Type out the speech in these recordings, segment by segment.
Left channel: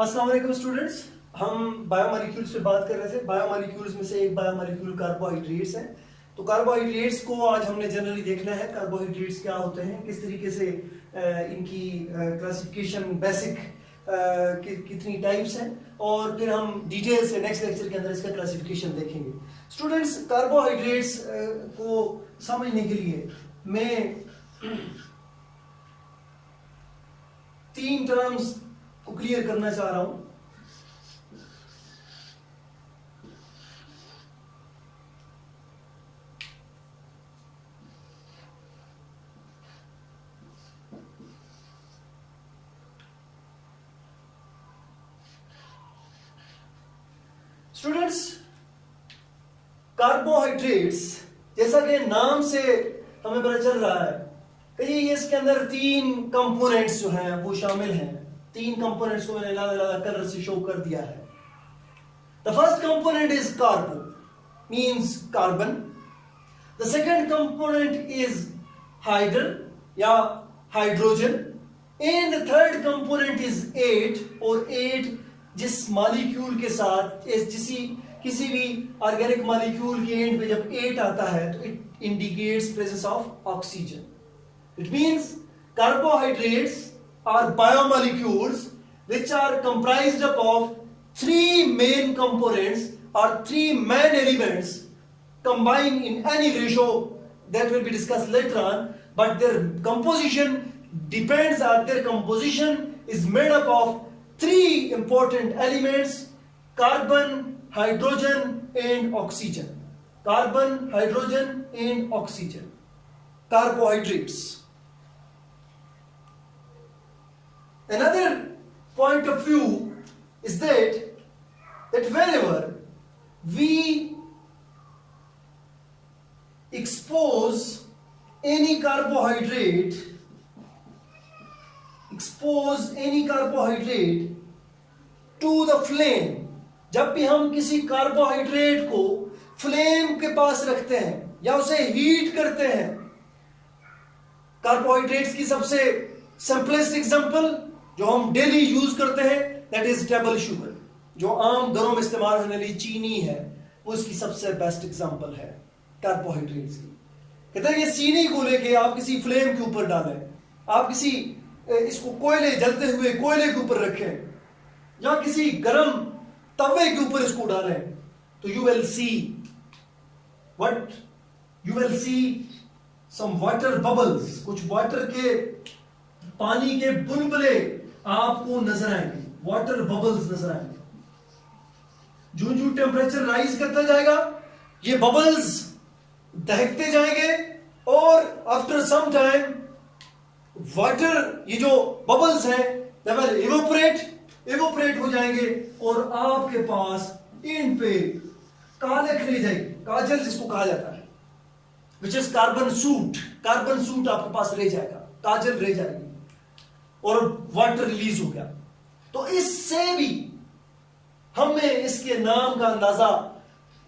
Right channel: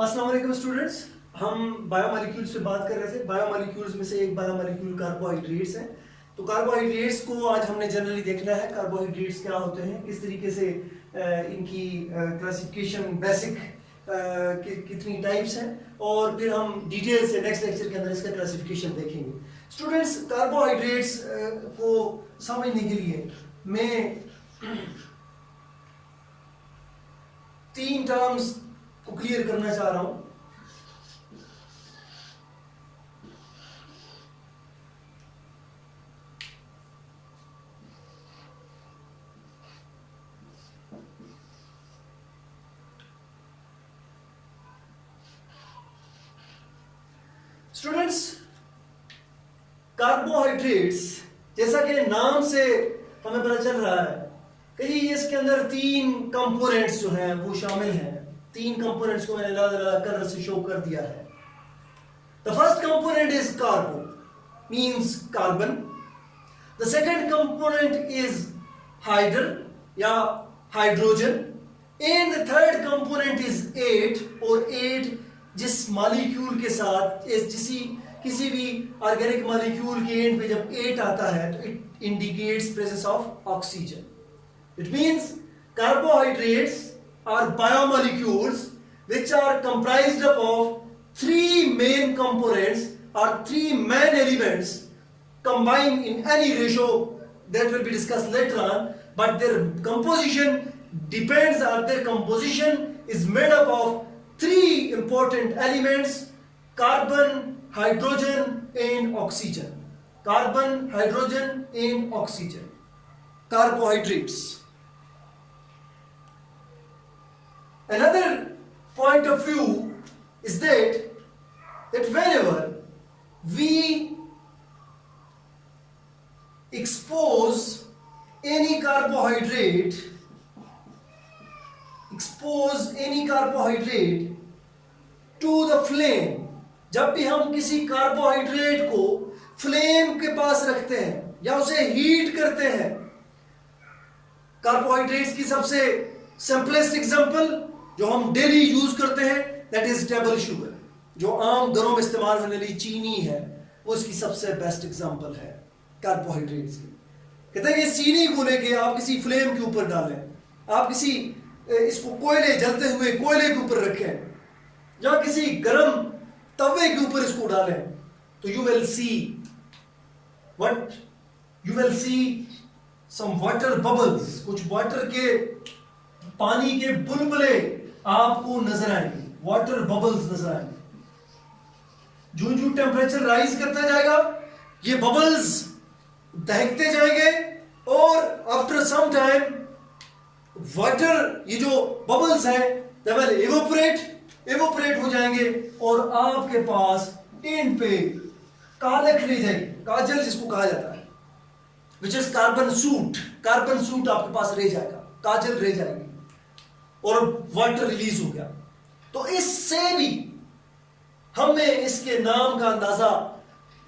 अस्सलाम वालेकुम स्टूडेंट्स, हम बायोमोलिक्यूल्स पे बात कर रहे थे। बायोमोलिक्यूल्स में से एक बायोमोलिक्यूल कार्बोहाइड्रेट्स है। तो कार्बोहाइड्रेट्स को आज हमने जनरली देखना है, कार्बोहाइड्रेट्स क्या होते हैं, किस तरीके से इनकी क्लासिफिकेशन बेसिक कितनी टाइप्स हैं, और फिर हम डिटेल से नेक्स्ट लेक्चर के अंदर इसका क्लासिफिकेशन देखेंगे। स्टूडेंट्स, कार्बोहाइड्रेट्स को समझने के लिए मैं 3 टर्म्स को क्लियर करना चाह रहा हूं। स्टूडेंट्स, कार्बोहाइड्रेट्स जैसा कि नाम से हमें पता चल रहा है कि इसके अंदर 3 कंपोनेंट्स जो हैं वो शामिल हैं। 3 कंपोनेंट्स को मैंने अलग अलग कलर से शो कर दिया है। The first component is carbo, means carbon. The second component is hydr या hydrogen, and the third component is 8, और 8 जिस मॉलिक्यूल के साथ किसी भी ऑर्गेनिक मॉलिक्यूल के एंड पे जब 8 आता है तो it indicates presence of oxygen. It means carbohydrates are biomolecules which are comprised of 3 main components or 3 main elements combined in any ratio that will be discussed later on, but their composition depends, or their composition is made up of 3 important elements: carbon, hydrogen and oxygen. Carbon, hydrogen and oxygen. Carbohydrates. Another point of view is that whenever we expose any carbohydrate to the flame, जब भी हम किसी carbohydrate को flame के पास रखते हैं या उसे हीट करते हैं, कार्बोहाइड्रेट्स की सबसे सिंपलेस्ट एग्जांपल जो हम डेली यूज करते हैं दैट इज टेबल शुगर, जो आम घरों में इस्तेमाल होने वाली चीनी है, वो इसकी सबसे बेस्ट एग्जांपल है कार्बोहाइड्रेट्स की। कहते हैं कि चीनी को लेके आप किसी फ्लेम के ऊपर डालें, आप किसी इसको जलते हुए कोयले के ऊपर रखें या किसी गर्म तवे के ऊपर इसको डालें, तो you will see some water bubbles, कुछ वाटर के पानी के बुलबुले आपको नजर आएंगे, वाटर बबल्स नजर आएंगे। जो टेम्परेचर राइज करता जाएगा ये बबल्स दहकते जाएंगे, और आफ्टर सम टाइम वाटर, ये जो बबल्स हैं दे विल इवोपरेट हो जाएंगे, और आपके पास एंड पे कालख रह जाएगी, काजल जिसको कहा जाता है, विच इज कार्बन सूट आपके पास रह जाएगा, काजल रह जाएगी और वाटर रिलीज हो गया। तो इससे भी हमें इसके नाम का अंदाजा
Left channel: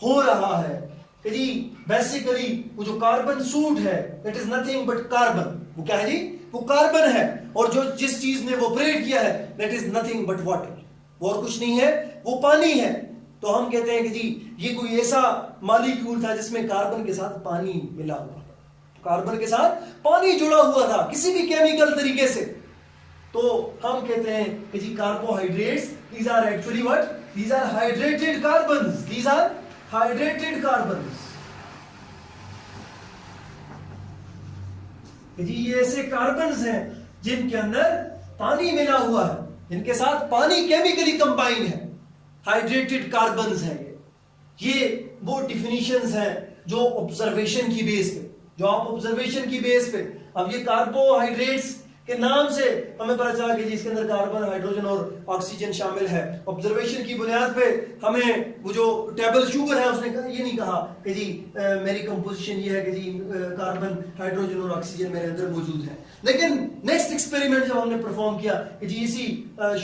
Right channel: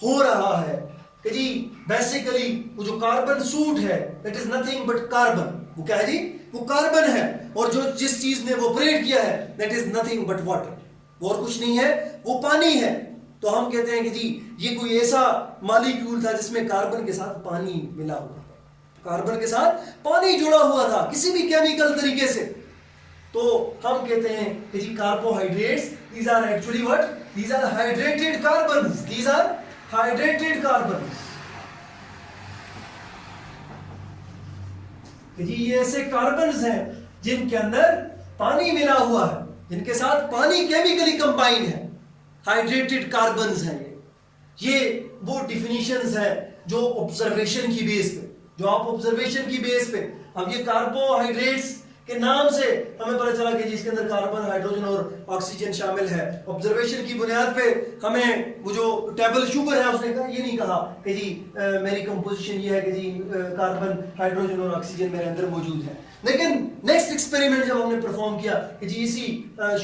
हो रहा है कि जी बेसिकली वो जो कार्बन सूट है that is nothing but carbon. वो क्या है जी? वो कार्बन है, और जो जिस चीज ने इवोपरेट किया है that is nothing but water, वो और कुछ नहीं है, वो पानी है। तो हम कहते हैं कि जी ये कोई ऐसा मॉलिक्यूल था जिसमें कार्बन के साथ पानी मिला हुआ था, कार्बन के साथ पानी जुड़ा हुआ था किसी भी केमिकल तरीके से। तो हम कहते हैं कि जी carbohydrates, these are actually what? These are hydrated carbons. These are hydrated carbons. कि जी ये ऐसे कार्बन्स हैं जिनके अंदर पानी मिला हुआ है, जिनके साथ पानी केमिकली कंबाइन है, हाइड्रेटेड कार्बन्स हैं। ये वो डिफिनीशंस हैं जो ऑब्जर्वेशन की बेस पे, जो आप ऑब्जर्वेशन की बेस पे, अब ये कार्बोहाइड्रेट्स के नाम से हमें पता चला कि जी इसके अंदर कार्बन, हाइड्रोजन और ऑक्सीजन शामिल है। ऑब्जर्वेशन की बुनियाद पे हमें वो जो टेबल शुगर है उसने ये नहीं कहा कि जी मेरी कंपोजिशन ये है कि जी कार्बन, हाइड्रोजन और ऑक्सीजन मेरे अंदर मौजूद है। लेकिन नेक्स्ट एक्सपेरिमेंट जब हमने परफॉर्म किया कि जी इसी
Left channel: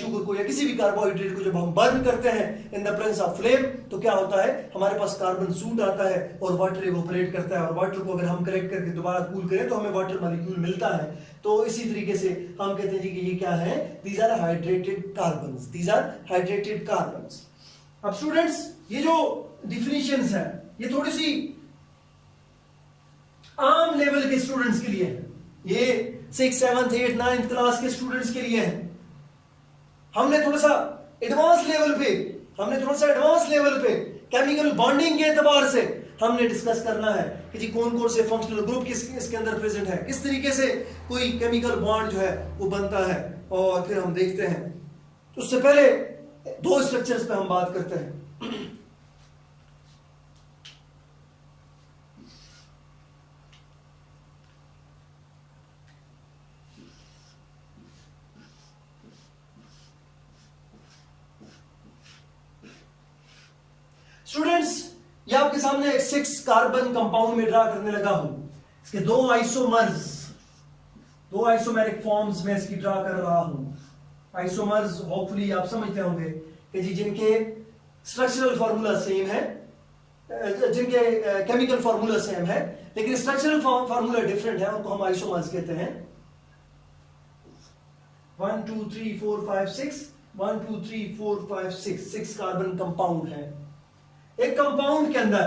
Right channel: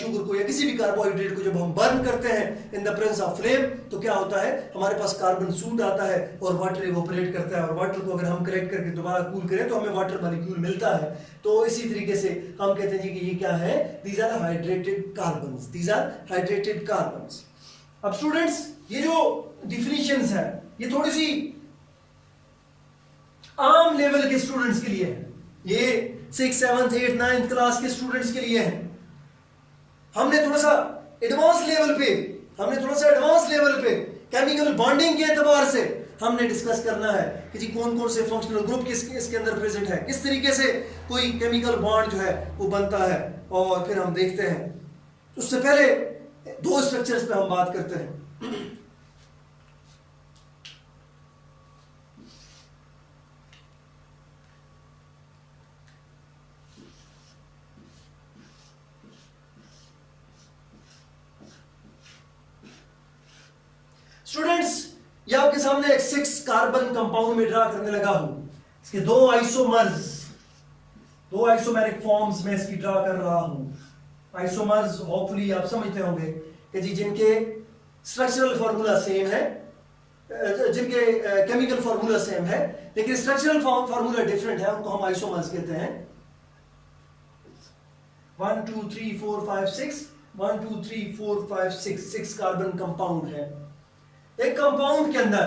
शुगर को या किसी भी कार्बोहाइड्रेट को जब हम बर्न करते हैं in the presence of flame, तो क्या होता है, हमारे पास कार्बन सूट आता है और वाटर इवोपरेट करता है, और वाटर को अगर हम करेक्ट करके दोबारा कूल करें तो हमें वाटर मॉलिक्यूल मिलता है। तो इसी तरीके तरीके से हम कहते हैं जी कि ये क्या है, these are hydrated carbons, these are hydrated carbons. अब स्टूडेंट्स ये जो डिफिनीशंस है ये थोड़ी सी आम लेवल के स्टूडेंट्स के लिए है, ये 6th 7th 8th 9th class के स्टूडेंट्स के लिए है। हमने थोड़ा सा एडवांस लेवल पे केमिकल बॉन्डिंग के एतबार से हमने डिस्कस करना है कि जी कौन कौन से फंक्शनल ग्रुप इसके अंदर प्रेजेंट है, किस तरीके से कोई केमिकल बॉन्ड जो है वो बनता है, और फिर हम देखते हैं। उससे पहले दो स्ट्रक्चर्स पे हम बात करते हैं। स्टूडेंट्स ये आपके सामने एक 6 कार्बन कंपाउंड में ड्रा करने लगा हूं। इसके दो आइसोमेरिक फॉर्म्स में इसकी ड्रा कर रहा हूं। आइसोमर्स होपफुली आप समझते होंगे कि जी जिनके स्ट्रक्चरल फार्मूला सेम है, जिनके केमिकल फार्मूला सेम है लेकिन स्ट्रक्चरल फार्मूला डिफरेंट है, उनको हम आइसोमर्स कहते हैं। 1 2 3 4 5 6 1 2 3 4 5 6 कार्बन कंपाउंड है। एक कंपाउंड के अंदर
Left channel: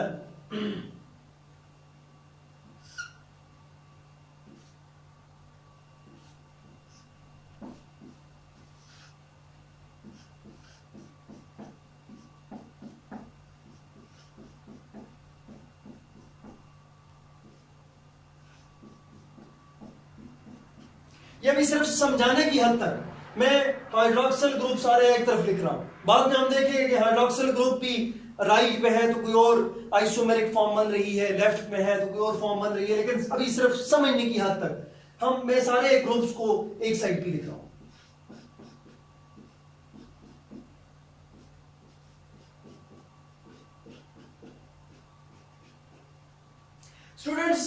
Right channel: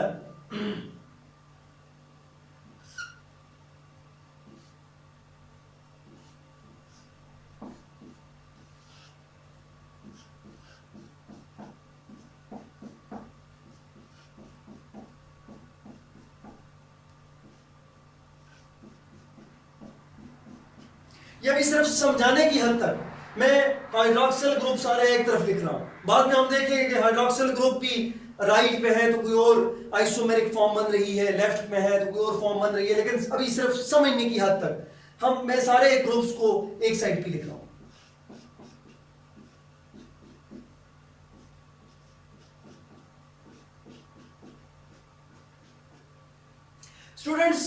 ये भी सिर्फ समझाने की हद तक मैं हाइड्रोक्सिल ग्रुप सारे एक तरफ लिख रहा हूं, बाद में हम देखेंगे कि हाइड्रोक्सिल ग्रुप भी राइट पे है तो कोई और आइसोमेरिक फॉर्म बन रही है, लेफ्ट में है तो कोई और फॉर्म बन रही है, लेकिन अभी सिर्फ समझने की हद तक मैं सारे ग्रुप्स को एक साइड पे लिख रहा हूं। स्टूडेंट्स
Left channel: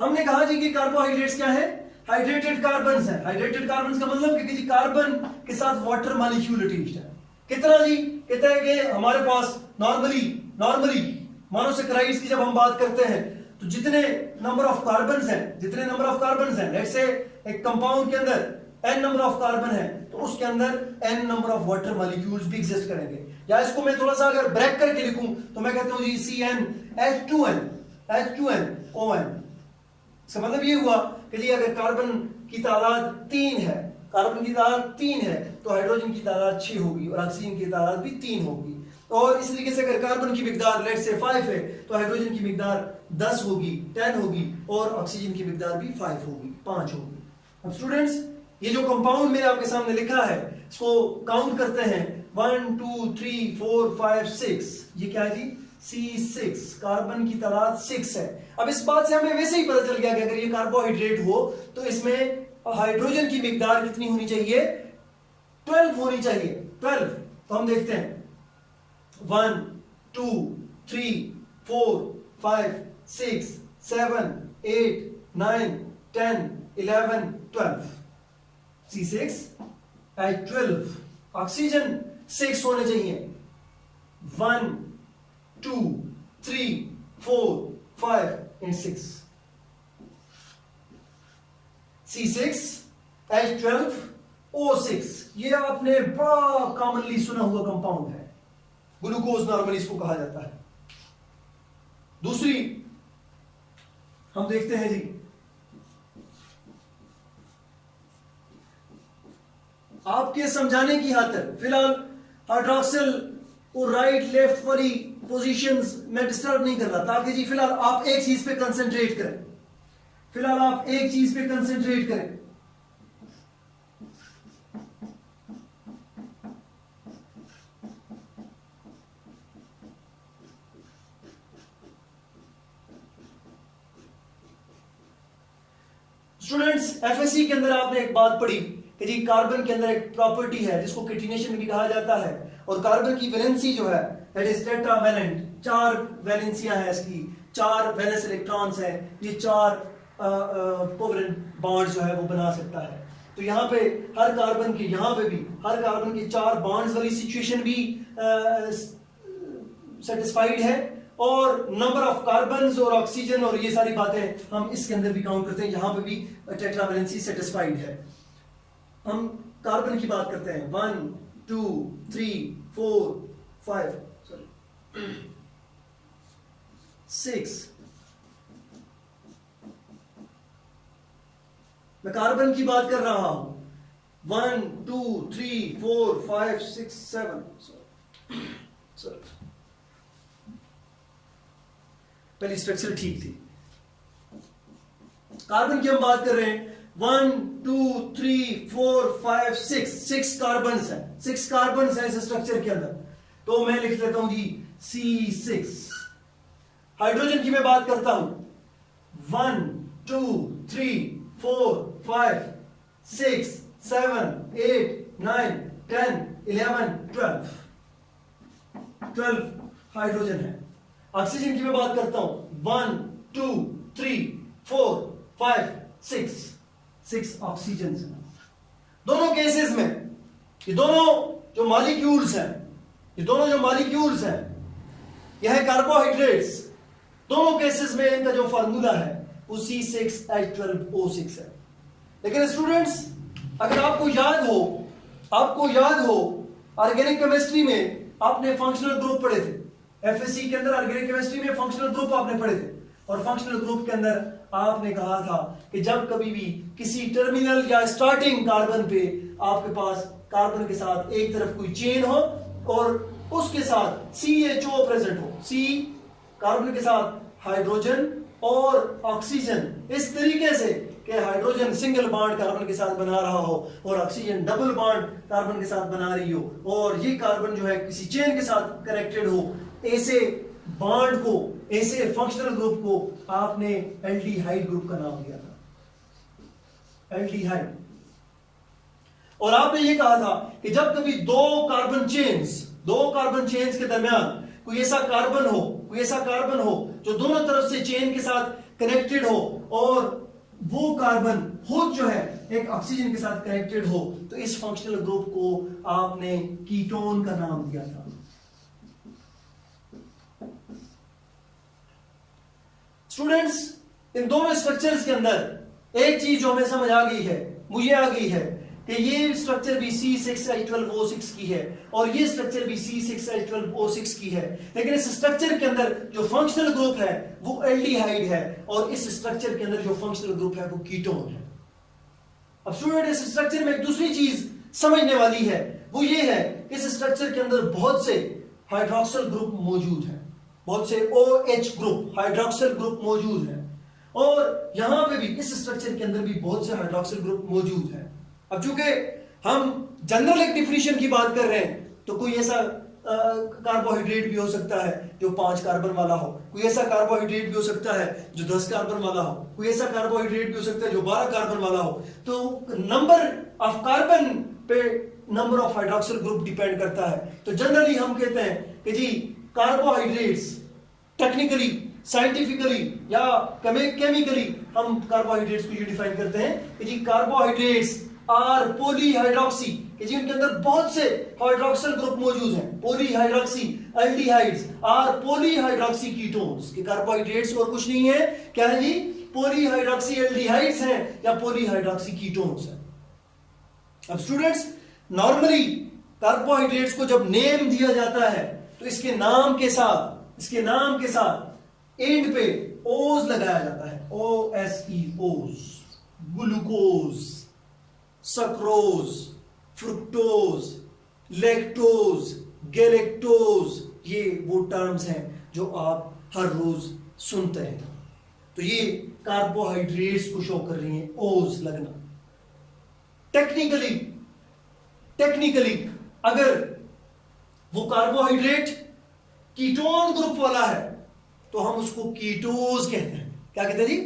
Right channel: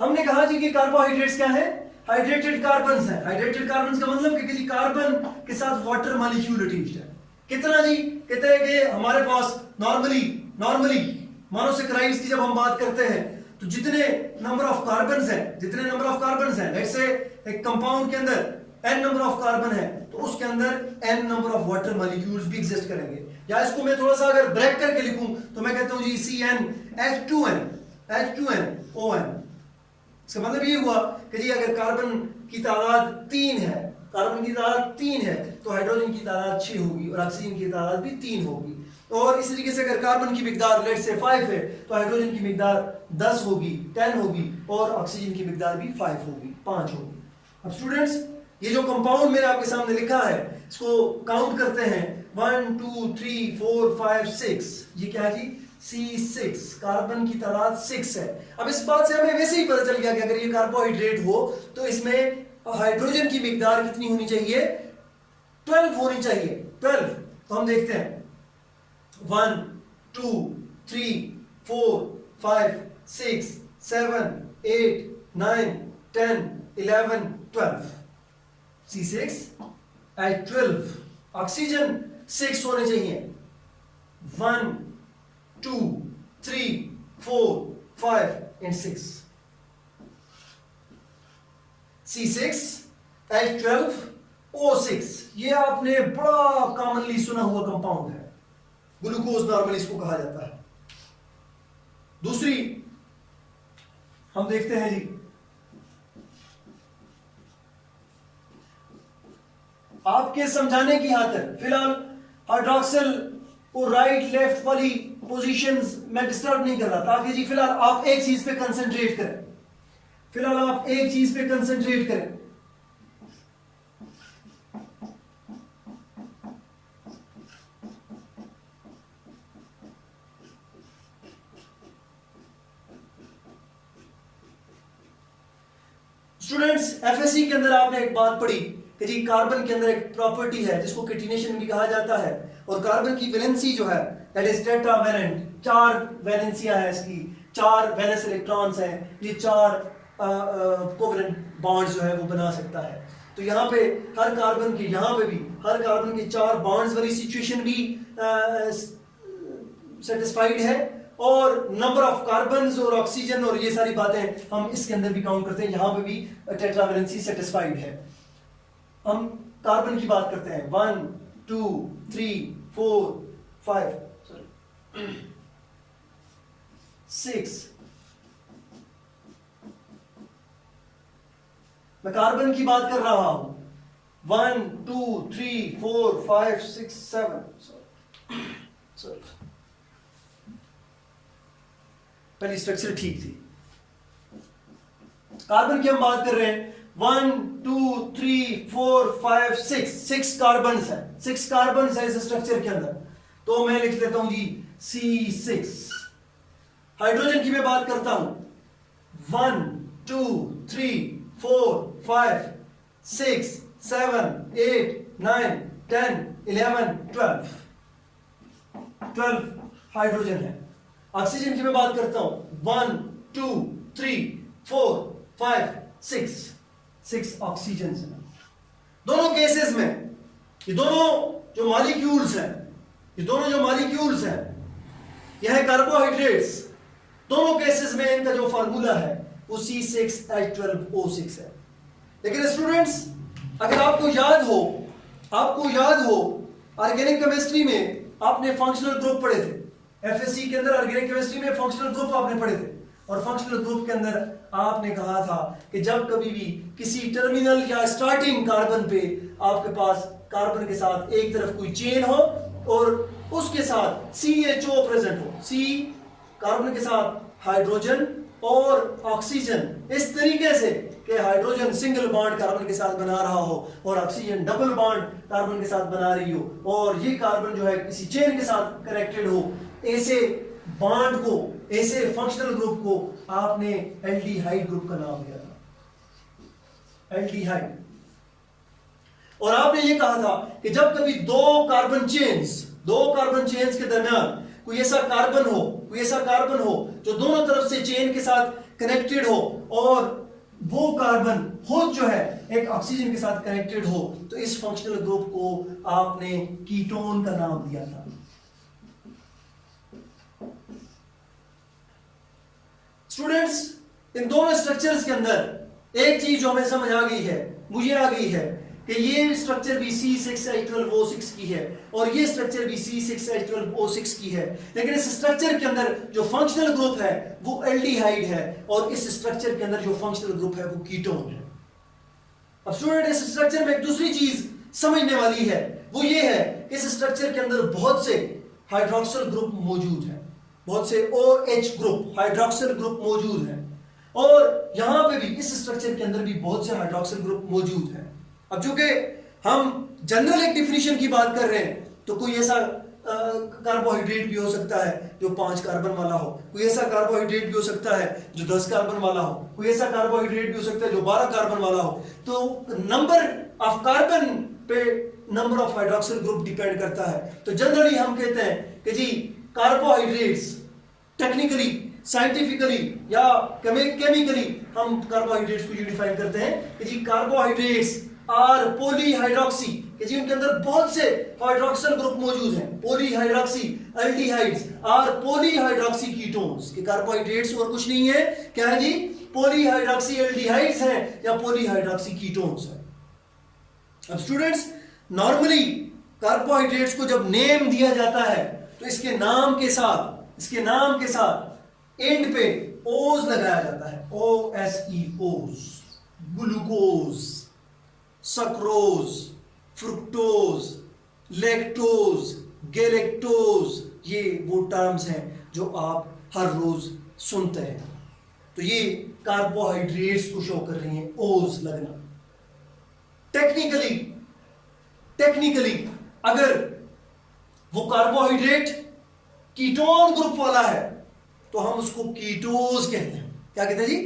हमने कहा जी कि कार्बोहाइड्रेट्स क्या है, हाइड्रेटेड कार्बन्स है। हाइड्रेटेड कार्बन्स का मतलब कि जी कार्बन के साथ वाटर मॉलिक्यूल अटैच्ड है। कितना जी, कहते हैं कि हमारे पास नॉर्मली मोनोसैकेराइड्स की जब हम बात करते हैं तो जितने नंबर ऑफ कार्बन्स हैं लेट्स से एक कंपाउंड के अंदर n नंबर ऑफ कार्बन है तो उसके अंदर n number of water molecules भी एग्जिस्ट करेंगे। या इसको मैं थोड़ा सा अगर ब्रेक करके लिखूं तो मैं कहता हूं जी CnH2n ON। इसका मतलब ये हुआ कि जी अगर कार्बन की तादाद 3 है तो हाइड्रोजन की तादाद 6 होगी और ऑक्सीजन की तादाद भी 3 होगी। और इसी तरीके से अगर कार्बन की मिकदार लेट्स से 5 है तो हाइड्रोजन की मिकदार 10 होगी, 10 होगी और ऑक्सीजन की मिकदार भी 5 होगी। अब स्टूडेंट्स ये जो कंपाउंड मैंने आपके सामने लिखा है इसको काउंट करते हैं 1 2 3 4 5 6। ये क्या है जी, C6, कार्बन की तादाद 6 है। अब इस बात से हमें वैसे ही पता चल गया कि अगर ये कार्बोहाइड्रेट हो तो इसमें हाइड्रोजन की मिकदार कितनी होनी चाहिए, 12 होनी चाहिए, 12। तो हम देखते हैं 1 2 3 4 5 6 7 8 9 10 11 12 C6 H12। ऑक्सीजन 6 होने चाहिए, 1 2 3 4 5 and 6। C6 H12 O6 ये आपने बड़ा कॉमनली सुना हुआ कंपाउंड है, ग्लूकोज नॉर्मली इसको कहा जाता है। दूसरी हम देखते हैं जी, आपके समझाने की खातिर फिलहाल हाइड्रोक्सिल और राइट लेफ्ट वाली पोजीशंस में डिस्टर्ब नहीं कर रहा, ताकि जी फिलहाल आप एक चीज पे कंसंट्रेट करें, स्टूडेंट्स एफएससी के अंदर आपने एक बात पढ़ी कि जी कार्बन के अंदर एक प्रॉपर्टी है जिसको किटिनेशन भी कहा जाता है, और कार्बन की वैलेंसी जो है दैट इज टेट्रावैलेंट, 4 वैलेंसियां हैं इसकी, 4 वैलेंस इलेक्ट्रॉन्स हैं, ये 4 कोवलेंट बॉन्ड्स जो है वो बना सकता है। तो यहाँ पे हर कार्बन के 4 बॉन्ड्स वाली सिचुएशन भी सेटिस्फाइड है, और नंबर ऑफ कार्बन्स और ऑक्सीजन और ये सारी बातें हम इसके अंदर भी काउंट करते हैं, यहाँ पे भी टेट्रावैलेंसी सेटिस्फाइड है। हम कार्बन की बात करते हैं, 1 2 3 4 5 6। मैं कार्बन की बात कर रहा हूं, 1 2 3 4 5 6 7। पहली स्ट्रक्चर ठीक थी। कार्बन की हम बात कर रहे हैं, 1 2 3 4 5 6 कार्बन है, 6 कार्बन है इस स्ट्रक्चर के अंदर। तो मैं लिख लेता हूं जी C6। हाइड्रोजन की मैं बात करता हूं, 1 2 3 4 5 6 7 8 9 10 11 12 हाइड्रोजन है। ऑक्सीजन की मैं बात करता हूं, 1 2 3 4 5 6 ऑक्सीजन है। दोनों केसेस में ये दोनों जो मॉलिक्यूल्स हैं, यह है कार्बोहाइड्रेट्स। दोनों केसेस में इनका जो फार्मूला है वो C6H12O6 है। लेकिन स्टूडेंट्स, अगर आपको याद हो ऑर्गेनिक केमिस्ट्री में आपने फंक्शनल ग्रुप पढ़े थे, एफएससी के अंदर ऑर्गेनिक केमिस्ट्री में फंक्शनल ग्रुप आपने पढ़े थे, और फंक्शनल ग्रुप के अंदर आपने कहा था कि जब कभी भी किसी टर्मिनल या स्टार्टिंग कार्बन पे आपके पास कार्बन के साथ एक तरफ कोई चेन हो और उसके साथ CHO प्रेजेंट हो, C कार्बन के साथ हाइड्रोजन और ऑक्सीजन, इस तरीके से कि हाइड्रोजन सिंगल बॉन्ड कार्बन के साथ बना रहा हो और ऑक्सीजन डबल बॉन्ड कार्बन के साथ बना रही हो, और ये कार्बन जो है किसी चेन के साथ कनेक्टेड हो, ऐसे बॉन्ड को, ऐसे फंक्शनल ग्रुप को आपने एल्डिहाइड ग्रुप का नाम दिया था, एल्डिहाइड। और आपने ये कहा था कि जब कभी दो कार्बन चेन्स के दरमियान कोई ऐसा कार्बन हो जो दोनों तरफ से चेन के साथ कनेक्टेड हो, और वो कार्बन खुद जो है एक ऑक्सीजन के साथ कनेक्टेड हो, तो इस फंक्शनल ग्रुप को आपने कीटोन का नाम दिया था। स्टूडेंट्स, इन दोनों स्ट्रक्चर्स के अंदर एक चीज जो हमें समझ आ गई है, मुझे आ गई है, कि ये स्ट्रक्चर भी C6H12O6 की है और ये स्ट्रक्चर भी C6H12O6 की है, लेकिन इस स्ट्रक्चर के अंदर जो फंक्शनल ग्रुप है वो एल्डिहाइड है और इस स्ट्रक्चर के अंदर जो फंक्शनल ग्रुप है वो कीटोन है। अब स्टूडेंट, इस स्ट्रक्चर में एक दूसरी चीज समझने वाली है, वो ये है कि इस स्ट्रक्चर के अंदर बहुत से हाइड्रोक्सिल ग्रुप मौजूद हैं, बहुत से OH ग्रुप, हाइड्रोक्सिल ग्रुप मौजूद हैं, और यहां पे भी इस स्ट्रक्चर के अंदर भी बहुत से हाइड्रोक्सिल ग्रुप मौजूद हैं। अब चूंकि हम जनरल एक डिफिनीशन की बात कर रहे हैं, तो कोई ऐसा कार्बोहाइड्रेट भी हो सकता है जो 5 कार्बन वाला हो, कोई ऐसा कार्बोहाइड्रेट भी हो सकता है जो 10 कार्बन वाला हो, कोई ऐसा कार्बोहाइड्रेट भी हो सकता है जो 12 कार्बन वाला हो। तो नंबर ऑफ कार्बन पे number of hydroxyl group depend करता है। तो जनरली हम कहते हैं कि जी कार्बोहाइड्रेट्स टेक्निकली, साइंटिफिकली या केमिकली हम कार्बोहाइड्रेट्स को यूनिफाई करते हैं कि जी कार्बोहाइड्रेट्स आर पॉलीहाइड्रोक्सी, कि जी उनके अंदर बहुत से हाइड्रोक्सिल ग्रुप मौजूद हैं। Polyhydroxy aldehydes or polyhydroxy ketones, कि कार्बोहाइड्रेट्स और कुछ नहीं है, क्या है जी, पॉलीहाइड्रोक्सी एल्डिहाइड्स हैं या पॉलीहाइड्रोक्सी कीटोन्स हैं। अब स्टूडेंट्स, नॉर्मली कार्बोहाइड्रेट्स को जब नेम दिया जाता है तो इसके नाम के साथ एंड पे ओज लगाया जाता है, OSE, ओज। Glucose, sucrose, fructose, lactose, galactose, ये वो टर्म्स हैं जो आप हर रोज सुनते हैं। तो ये कार्बोहाइड्रेट्स को शो कर रही हैं, ओज लगना। टेक्निकली अगर वो कार्बोहाइड्रेट कीटोन ग्रुप वाला है तो हम उसको कीटोज कहते हैं। क्या कहते हैं जी?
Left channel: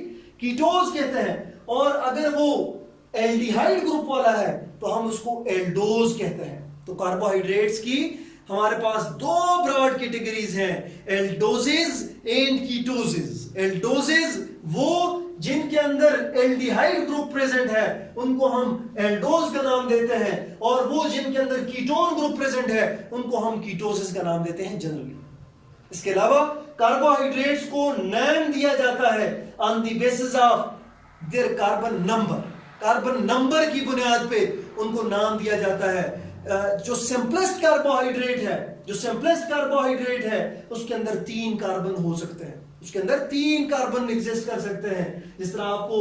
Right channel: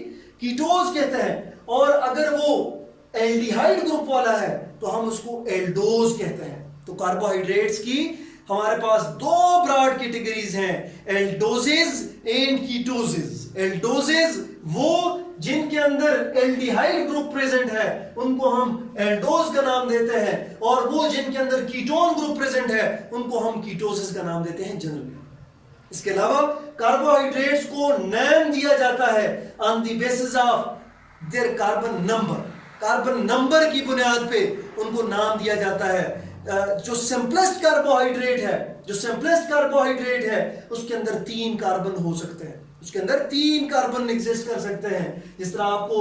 कीटोज कहते हैं। और अगर वो एल्डिहाइड ग्रुप वाला है तो हम उसको एल्डोज कहते हैं। तो कार्बोहाइड्रेट्स की हमारे पास दो ब्रॉड कैटेगरीज हैं, एल्डोजेज एंड कीटोजेज। एल्डोजेज वो जिनके अंदर एल्डिहाइड ग्रुप प्रेजेंट है उनको हम एल्डोज का नाम देते हैं, और वो जिनके अंदर कीटोन ग्रुप प्रेजेंट है उनको हम कीटोजेज का नाम देते हैं जनरली। इसके अलावा कार्बोहाइड्रेट्स को नाम दिया जाता है on the basis of their carbon number. Carbon number की बुनियाद पे उनको नाम दिया जाता है। जो सिंपलेस्ट कार्बोहाइड्रेट है, जो सिंपलेस्ट कार्बोहाइड्रेट है, उसके अंदर 3 कार्बन हो सकते हैं, उसके अंदर 3 कार्बन एग्जिस्ट कर सकते हैं। जिस तरह आपको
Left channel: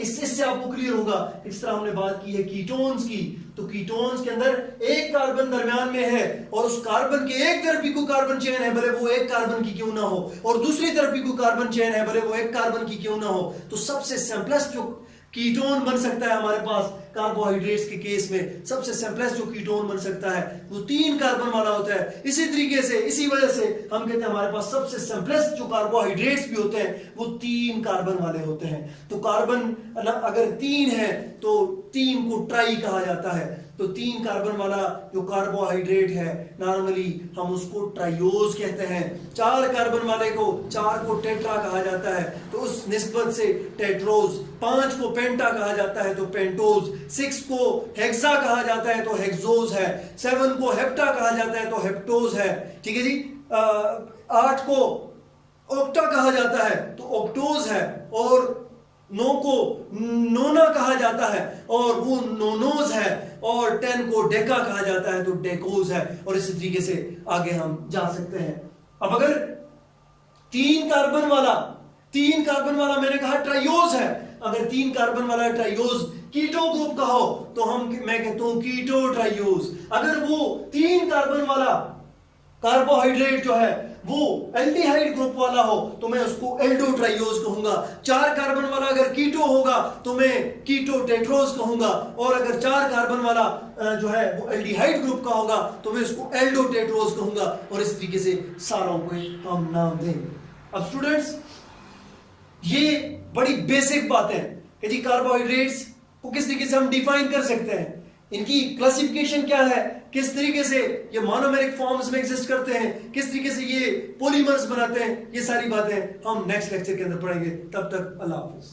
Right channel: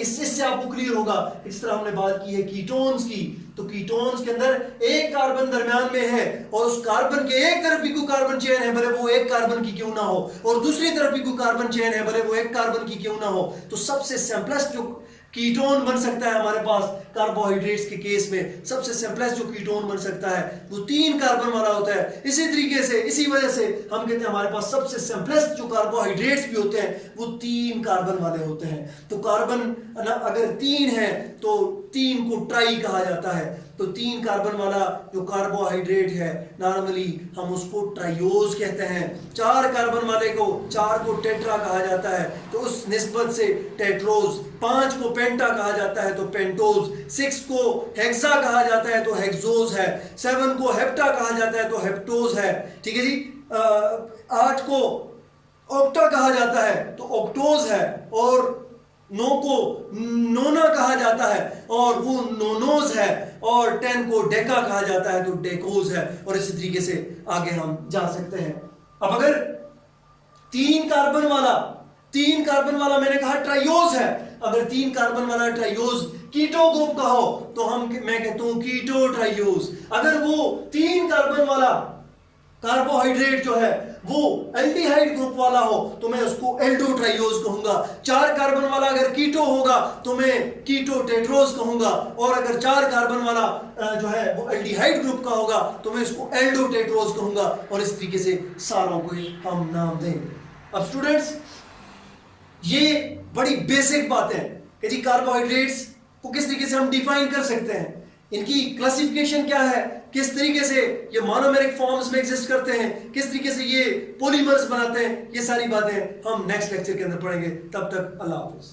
इससे आपको क्लियर होगा, इस तरह हमने बात की है कीटोन्स की, तो कीटोन्स के अंदर 1 कार्बन दरमियान में है और उस कार्बन के एक तरफ भी कोई कार्बन चेन है, भले वो 1 कार्बन की क्यों ना हो, और दूसरी तरफ भी कोई कार्बन चेन है, भले वो 1 कार्बन की क्यों ना हो। तो सबसे सिंपलेस्ट जो कीटोन बन सकता है हमारे पास कार्बोहाइड्रेट्स के केस में, सबसे सिंपलेस्ट जो कीटोन बन सकता है वो 3 कार्बन वाला होता है। इसी तरीके से, इसी वजह से हम कहते हैं हमारे पास सबसे सिंपलेस्ट जो कार्बोहाइड्रेट्स भी होते हैं वो 3 कार्बन वाले होते हैं। तो कार्बन अगर 3 है तो 3 को ट्राई कहा जाता है। तो 3 कार्बन वाला जो कार्बोहाइड्रेट है नॉर्मली हम उसको ट्राइयोज कहते हैं। 4 कार्बन वाले को 4 को टेट्रा कहा जाता है, तो उस निस्बत से टेट्रोज। 5 को पेंटा कहा जाता है तो पेंटोज। 6 को हेक्सा कहा जाता है तो हेक्सोज है। 7 को हेप्टा कहा जाता है तो हेप्टोज है। ठीक है जी। 8 को ऑक्टा कहा जाता है तो ऑक्टोज है, और 9 को नोना कहा जाता है और वो नोनोज है, और 10 को डेका कहा जाता है तो डेकोज है, और इसी तरीके से आगे हम जा सकते हैं। अब अगर 3 कार्बन वाला मैंने कहा ट्राइयोज है, अगर 3 कार्बन वाला ट्राइयोज कीटो ग्रुप का हो तो मैं कहता हूं कीटो ट्राइयोज। अगर वो 3 कार्बन वाला कार्बोहाइड्रेट जो है वो एल्डिहाइड ग्रुप वाला हो तो मैं उसको एल्डो ट्राइयोज कहूंगा। 4 कार्बन वाला अगर कीटो होगा तो मैं कीटो टेट्रोज कहूंगा, और अगर 4 कार्बन वाला जो है वो एल्डिहाइड ग्रुप का होगा तो मैं उसको एल्डो टेट्रोज कहूंगा, और इस तरीके से सारों को हम नाम देंगे। अब स्टूडेंट्स, ये बड़ी बेसिक बात है कि जी कार्बोहाइड्रेट्स को किस तरीके से हम डिफाइन कर सकते हैं, इनकी क्लासिफिकेशन क्या है, किस तरीके से ये मोनोमेरिक फॉर्म्स में एग्जिस्ट करते हैं, किस तरीके से ये पॉलीमर्स बनाते हैं, ये सारी बातें हम नेक्स्ट लेक्चर के अंदर पढ़ेंगे। तब तक अल्लाह हाफिज।